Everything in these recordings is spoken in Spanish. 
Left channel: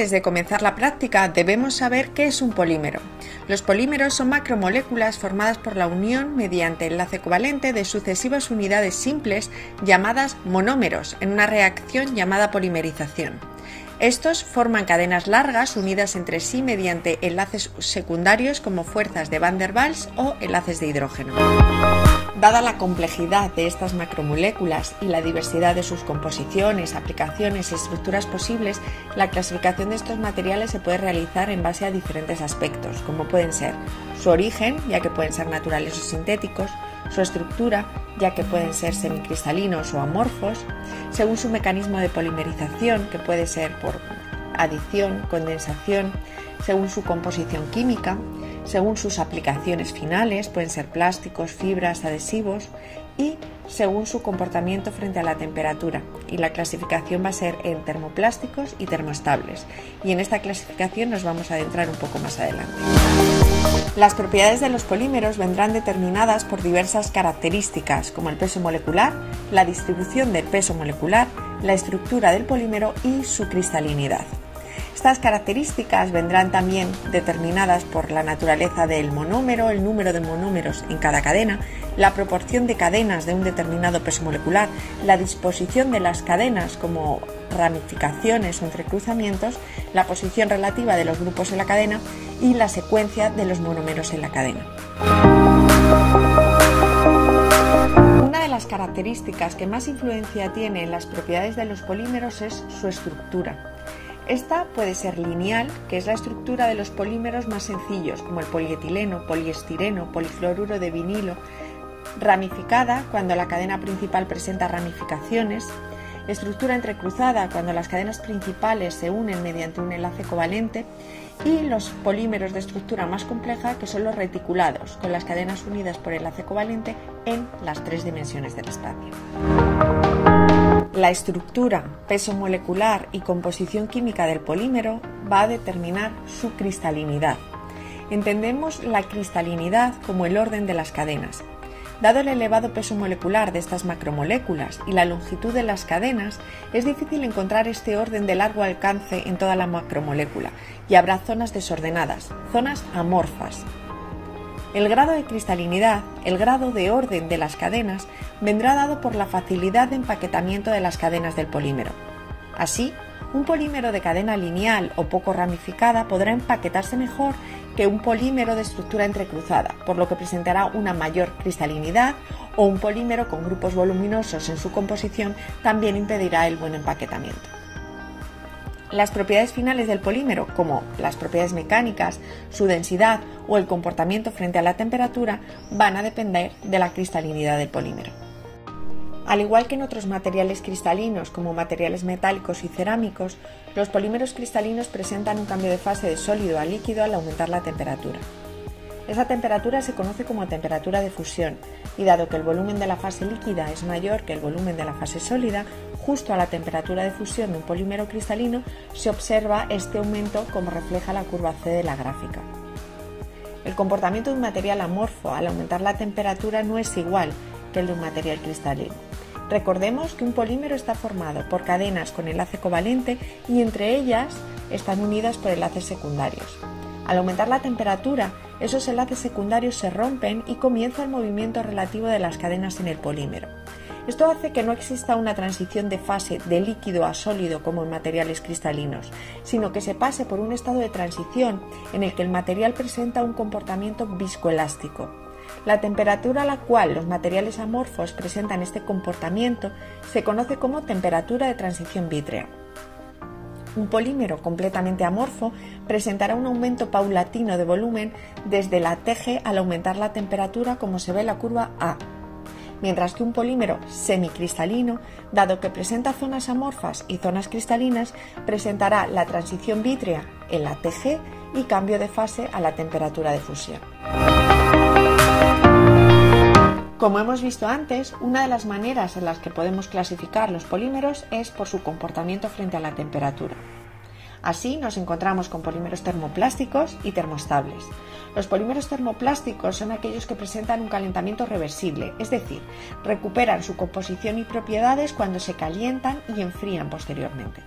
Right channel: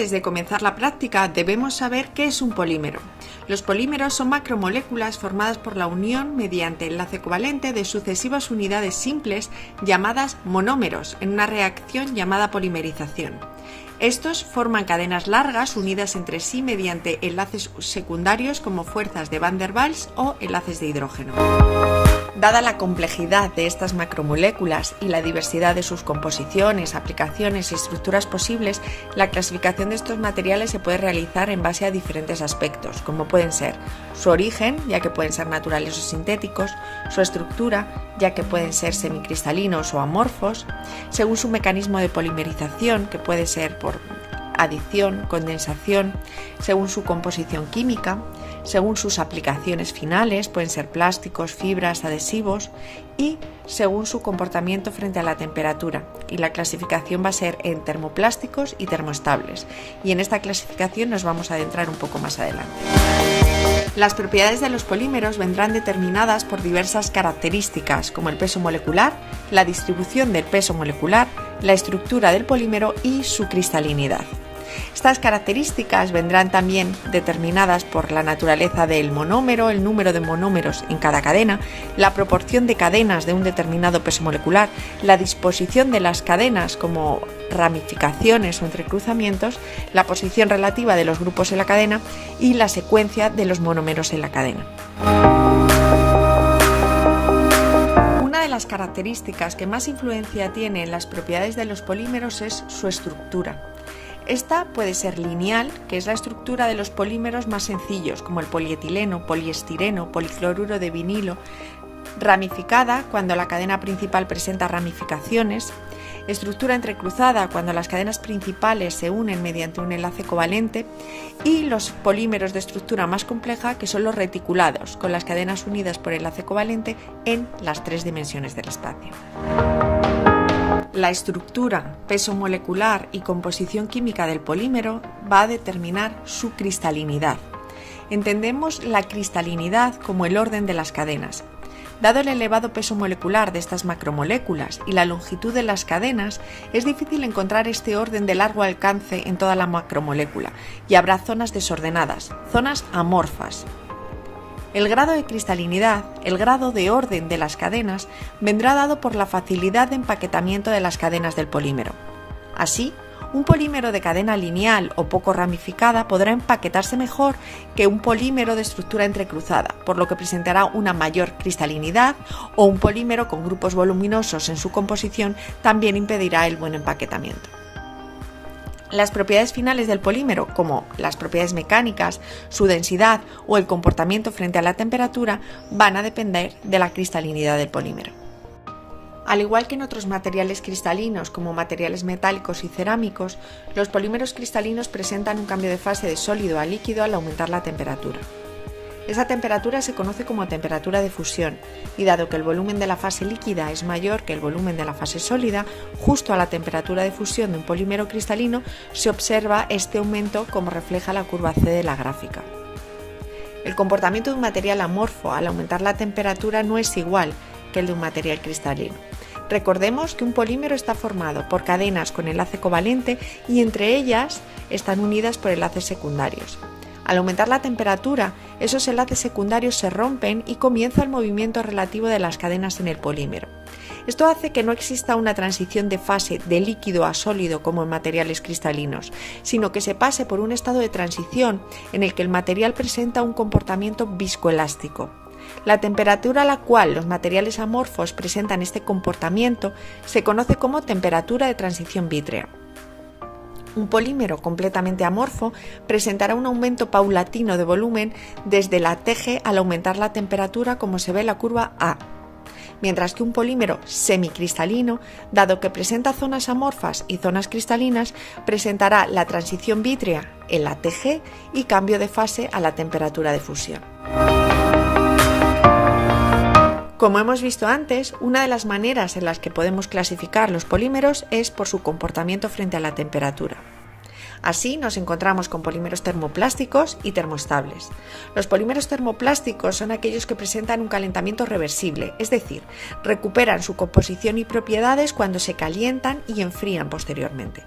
Antes de comenzar la práctica, debemos saber qué es un polímero. Los polímeros son macromoléculas formadas por la unión mediante enlace covalente de sucesivas unidades simples llamadas monómeros en una reacción llamada polimerización. Estos forman cadenas largas unidas entre sí mediante enlaces secundarios como fuerzas de Van der Waals o enlaces de hidrógeno. Dada la complejidad de estas macromoléculas y la diversidad de sus composiciones, aplicaciones y estructuras posibles, la clasificación de estos materiales se puede realizar en base a diferentes aspectos, como pueden ser su origen, ya que pueden ser naturales o sintéticos, su estructura, ya que pueden ser semicristalinos o amorfos, según su mecanismo de polimerización, que puede ser por adición, condensación, según su composición química, según sus aplicaciones finales, pueden ser plásticos, fibras, adhesivos, y según su comportamiento frente a la temperatura. Y la clasificación va a ser en termoplásticos y termoestables. Y en esta clasificación nos vamos a adentrar un poco más adelante. Las propiedades de los polímeros vendrán determinadas por diversas características, como el peso molecular, la distribución del peso molecular, la estructura del polímero y su cristalinidad. Estas características vendrán también determinadas por la naturaleza del monómero, el número de monómeros en cada cadena, la proporción de cadenas de un determinado peso molecular, la disposición de las cadenas como ramificaciones o entrecruzamientos, la posición relativa de los grupos en la cadena y la secuencia de los monómeros en la cadena. Una de las características que más influencia tiene en las propiedades de los polímeros es su estructura. Esta puede ser lineal, que es la estructura de los polímeros más sencillos, como el polietileno, poliestireno, policloruro de vinilo, ramificada cuando la cadena principal presenta ramificaciones, estructura entrecruzada cuando las cadenas principales se unen mediante un enlace covalente, y los polímeros de estructura más compleja, que son los reticulados, con las cadenas unidas por enlace covalente en las 3 dimensiones del espacio. La estructura, peso molecular y composición química del polímero va a determinar su cristalinidad. Entendemos la cristalinidad como el orden de las cadenas. Dado el elevado peso molecular de estas macromoléculas y la longitud de las cadenas, es difícil encontrar este orden de largo alcance en toda la macromolécula y habrá zonas desordenadas, zonas amorfas. El grado de cristalinidad, el grado de orden de las cadenas, vendrá dado por la facilidad de empaquetamiento de las cadenas del polímero. Así, un polímero de cadena lineal o poco ramificada podrá empaquetarse mejor que un polímero de estructura entrecruzada, por lo que presentará una mayor cristalinidad, o un polímero con grupos voluminosos en su composición también impedirá el buen empaquetamiento. Las propiedades finales del polímero, como las propiedades mecánicas, su densidad o el comportamiento frente a la temperatura, van a depender de la cristalinidad del polímero. Al igual que en otros materiales cristalinos, como materiales metálicos y cerámicos, los polímeros cristalinos presentan un cambio de fase de sólido a líquido al aumentar la temperatura. Esa temperatura se conoce como temperatura de fusión, y dado que el volumen de la fase líquida es mayor que el volumen de la fase sólida, justo a la temperatura de fusión de un polímero cristalino se observa este aumento, como refleja la curva C de la gráfica. El comportamiento de un material amorfo al aumentar la temperatura no es igual que el de un material cristalino. Recordemos que un polímero está formado por cadenas con enlace covalente y entre ellas están unidas por enlaces secundarios. Al aumentar la temperatura, esos enlaces secundarios se rompen y comienza el movimiento relativo de las cadenas en el polímero. Esto hace que no exista una transición de fase de líquido a sólido como en materiales cristalinos, sino que se pase por un estado de transición en el que el material presenta un comportamiento viscoelástico. La temperatura a la cual los materiales amorfos presentan este comportamiento se conoce como temperatura de transición vítrea. Un polímero completamente amorfo presentará un aumento paulatino de volumen desde la TG al aumentar la temperatura, como se ve en la curva A, mientras que un polímero semicristalino, dado que presenta zonas amorfas y zonas cristalinas, presentará la transición vítrea en la TG y cambio de fase a la temperatura de fusión. Como hemos visto antes, una de las maneras en las que podemos clasificar los polímeros es por su comportamiento frente a la temperatura. Así nos encontramos con polímeros termoplásticos y termoestables. Los polímeros termoplásticos son aquellos que presentan un calentamiento reversible, es decir, recuperan su composición y propiedades cuando se calientan y enfrían posteriormente.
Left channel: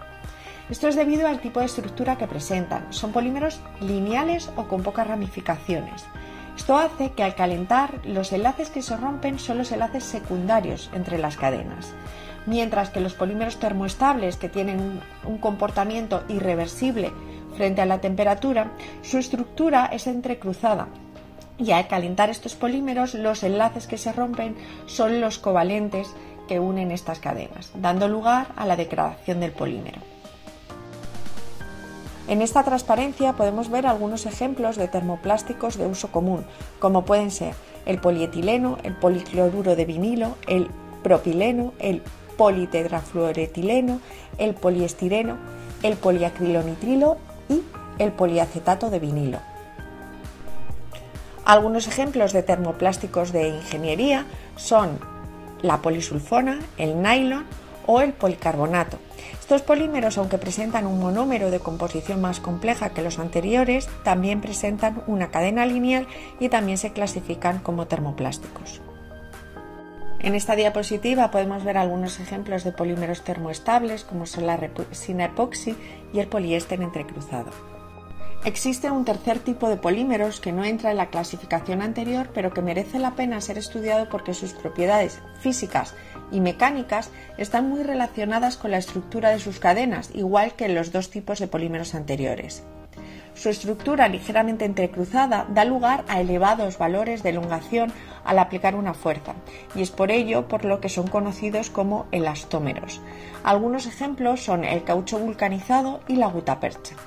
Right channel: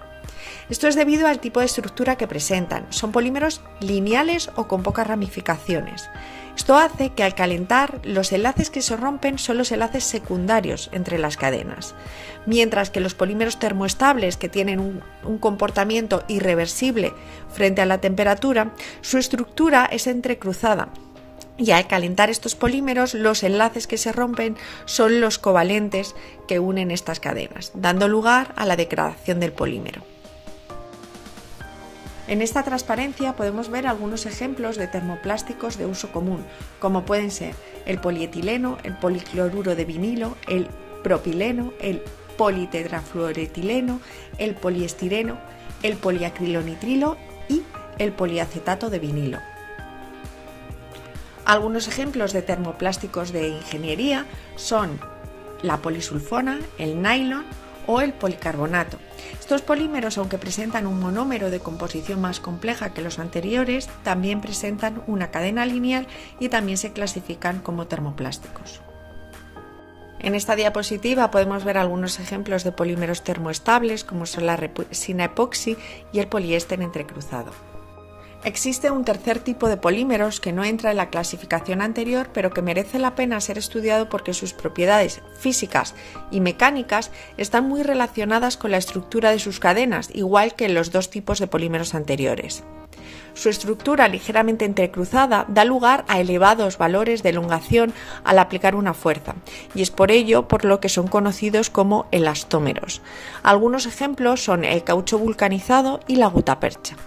Esto es debido al tipo de estructura que presentan. Son polímeros lineales o con pocas ramificaciones. Esto hace que al calentar los enlaces que se rompen son los enlaces secundarios entre las cadenas, mientras que los polímeros termoestables, que tienen un comportamiento irreversible frente a la temperatura, su estructura es entrecruzada. Y al calentar estos polímeros, los enlaces que se rompen son los covalentes que unen estas cadenas, dando lugar a la degradación del polímero. En esta transparencia podemos ver algunos ejemplos de termoplásticos de uso común, como pueden ser el polietileno, el policloruro de vinilo, el propileno, el politetrafluoretileno, el poliestireno, el poliacrilonitrilo y el poliacetato de vinilo. Algunos ejemplos de termoplásticos de ingeniería son la polisulfona, el nylon o el policarbonato. Estos polímeros, aunque presentan un monómero de composición más compleja que los anteriores, también presentan una cadena lineal y también se clasifican como termoplásticos. En esta diapositiva podemos ver algunos ejemplos de polímeros termoestables, como son la resina epoxi y el poliéster entrecruzado. Existe un tercer tipo de polímeros que no entra en la clasificación anterior, pero que merece la pena ser estudiado porque sus propiedades físicas y mecánicas están muy relacionadas con la estructura de sus cadenas, igual que en los dos tipos de polímeros anteriores. Su estructura ligeramente entrecruzada da lugar a elevados valores de elongación al aplicar una fuerza, y es por ello por lo que son conocidos como elastómeros. Algunos ejemplos son el caucho vulcanizado y la gutapercha.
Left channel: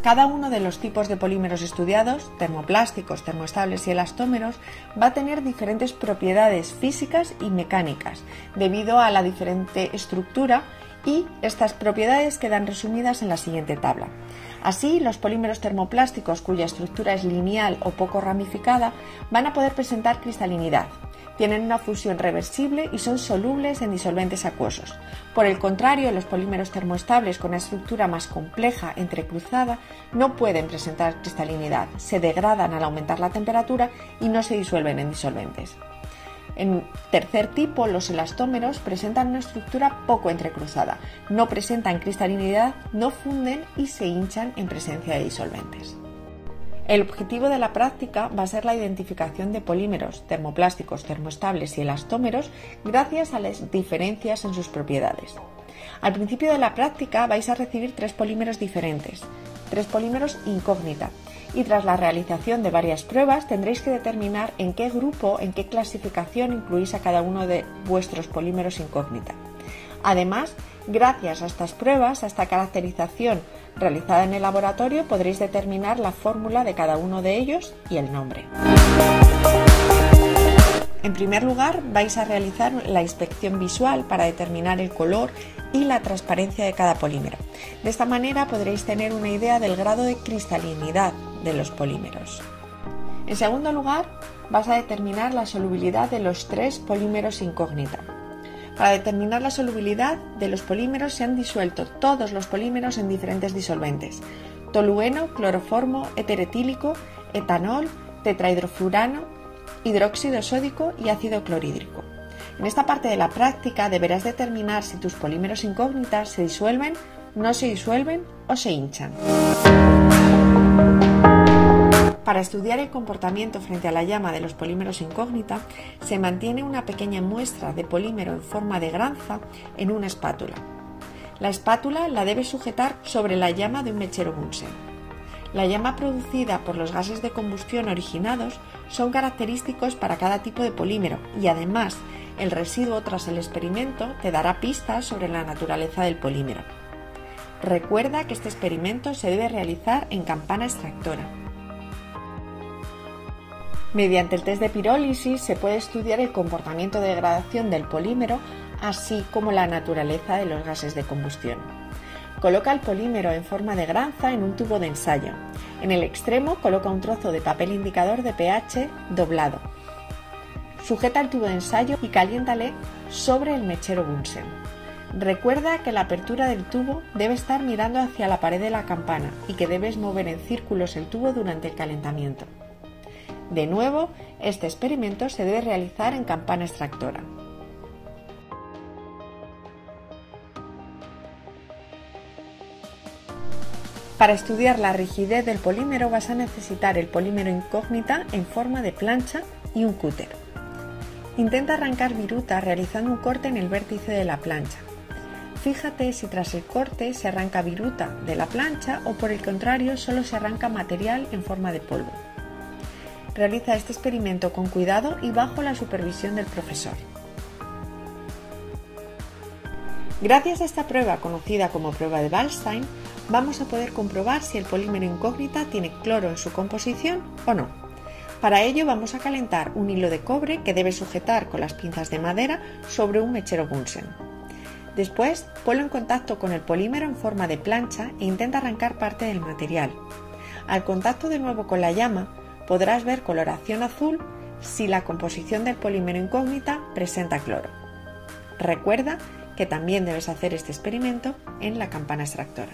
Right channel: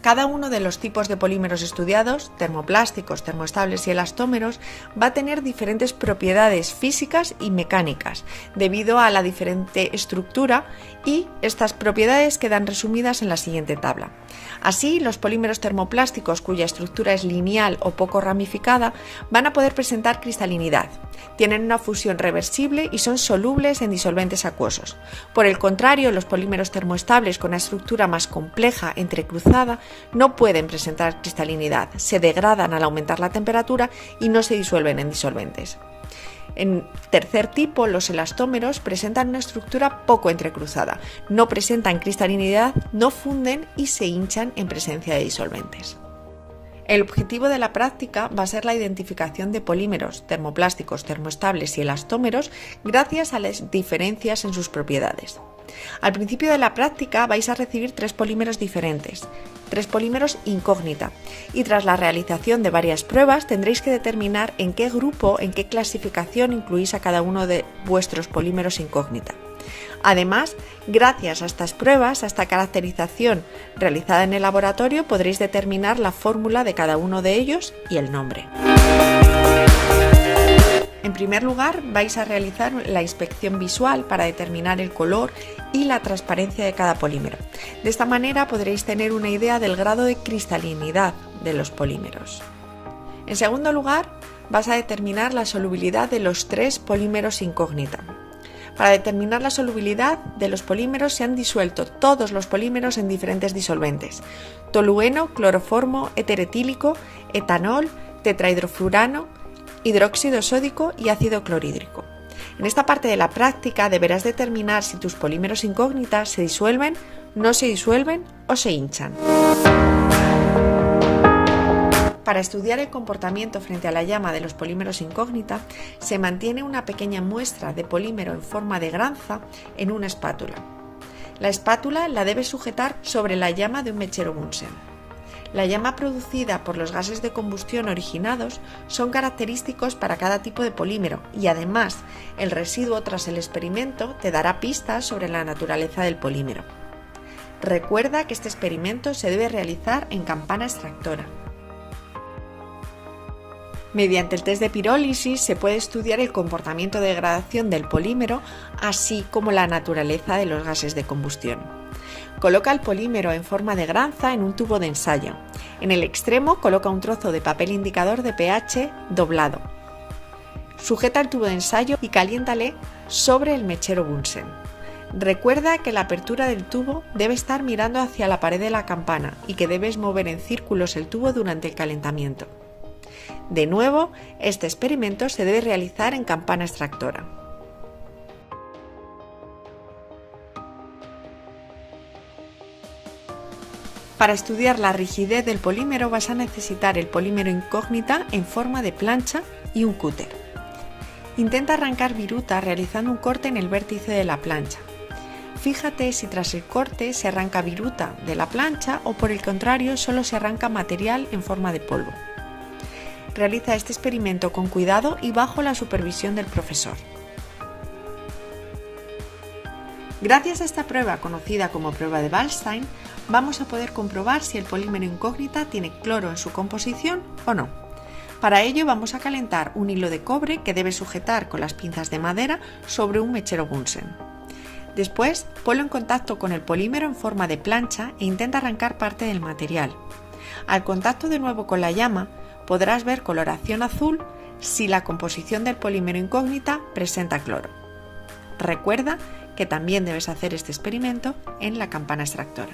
Cada uno de los tipos de polímeros estudiados, termoplásticos, termoestables y elastómeros, va a tener diferentes propiedades físicas y mecánicas, debido a la diferente estructura, y estas propiedades quedan resumidas en la siguiente tabla. Así, los polímeros termoplásticos cuya estructura es lineal o poco ramificada van a poder presentar cristalinidad. Tienen una fusión reversible y son solubles en disolventes acuosos. Por el contrario, los polímeros termoestables con una estructura más compleja, entrecruzada, no pueden presentar cristalinidad, se degradan al aumentar la temperatura y no se disuelven en disolventes. En tercer tipo, los elastómeros presentan una estructura poco entrecruzada, no presentan cristalinidad, no funden y se hinchan en presencia de disolventes. El objetivo de la práctica va a ser la identificación de polímeros termoplásticos, termoestables y elastómeros gracias a las diferencias en sus propiedades. Al principio de la práctica vais a recibir tres polímeros diferentes, tres polímeros incógnita, y tras la realización de varias pruebas tendréis que determinar en qué grupo, en qué clasificación incluís a cada uno de vuestros polímeros incógnita. Además, gracias a estas pruebas, a esta caracterización realizada en el laboratorio, podréis determinar la fórmula de cada uno de ellos y el nombre. En primer lugar, vais a realizar la inspección visual para determinar el color y la transparencia de cada polímero. De esta manera podréis tener una idea del grado de cristalinidad de los polímeros. En segundo lugar, vas a determinar la solubilidad de los tres polímeros incógnita. Para determinar la solubilidad de los polímeros se han disuelto todos los polímeros en diferentes disolventes: tolueno, cloroformo, eteretílico, etanol, tetrahidrofurano, hidróxido sódico y ácido clorhídrico. En esta parte de la práctica deberás determinar si tus polímeros incógnitas se disuelven, no se disuelven o se hinchan. Para estudiar el comportamiento frente a la llama de los polímeros incógnita, se mantiene una pequeña muestra de polímero en forma de granza en una espátula. La espátula la debes sujetar sobre la llama de un mechero Bunsen. La llama producida por los gases de combustión originados son característicos para cada tipo de polímero y además el residuo tras el experimento te dará pistas sobre la naturaleza del polímero. Recuerda que este experimento se debe realizar en campana extractora. Mediante el test de pirólisis se puede estudiar el comportamiento de degradación del polímero, así como la naturaleza de los gases de combustión. Coloca el polímero en forma de granza en un tubo de ensayo. En el extremo coloca un trozo de papel indicador de pH doblado. Sujeta el tubo de ensayo y caliéntale sobre el mechero Bunsen. Recuerda que la apertura del tubo debe estar mirando hacia la pared de la campana y que debes mover en círculos el tubo durante el calentamiento. De nuevo, este experimento se debe realizar en campana extractora. Para estudiar la rigidez del polímero vas a necesitar el polímero incógnita en forma de plancha y un cúter. Intenta arrancar viruta realizando un corte en el vértice de la plancha. Fíjate si tras el corte se arranca viruta de la plancha o por el contrario solo se arranca material en forma de polvo. Realiza este experimento con cuidado y bajo la supervisión del profesor. Gracias a esta prueba, conocida como prueba de Waldstein, vamos a poder comprobar si el polímero incógnita tiene cloro en su composición o no. Para ello vamos a calentar un hilo de cobre que debes sujetar con las pinzas de madera sobre un mechero Bunsen. Después, ponlo en contacto con el polímero en forma de plancha e intenta arrancar parte del material. Al contacto de nuevo con la llama, podrás ver coloración azul si la composición del polímero incógnita presenta cloro. Recuerda que también debes hacer este experimento en la campana extractora.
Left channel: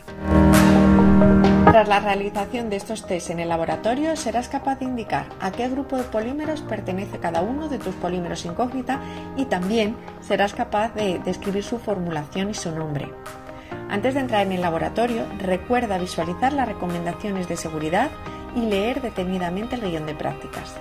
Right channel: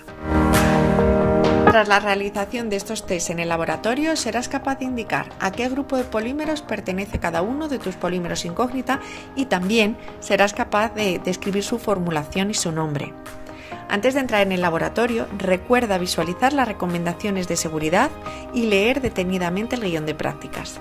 Tras la realización de estos test en el laboratorio, serás capaz de indicar a qué grupo de polímeros pertenece cada uno de tus polímeros incógnita y también serás capaz de describir su formulación y su nombre. Antes de entrar en el laboratorio, recuerda visualizar las recomendaciones de seguridad y leer detenidamente el guión de prácticas.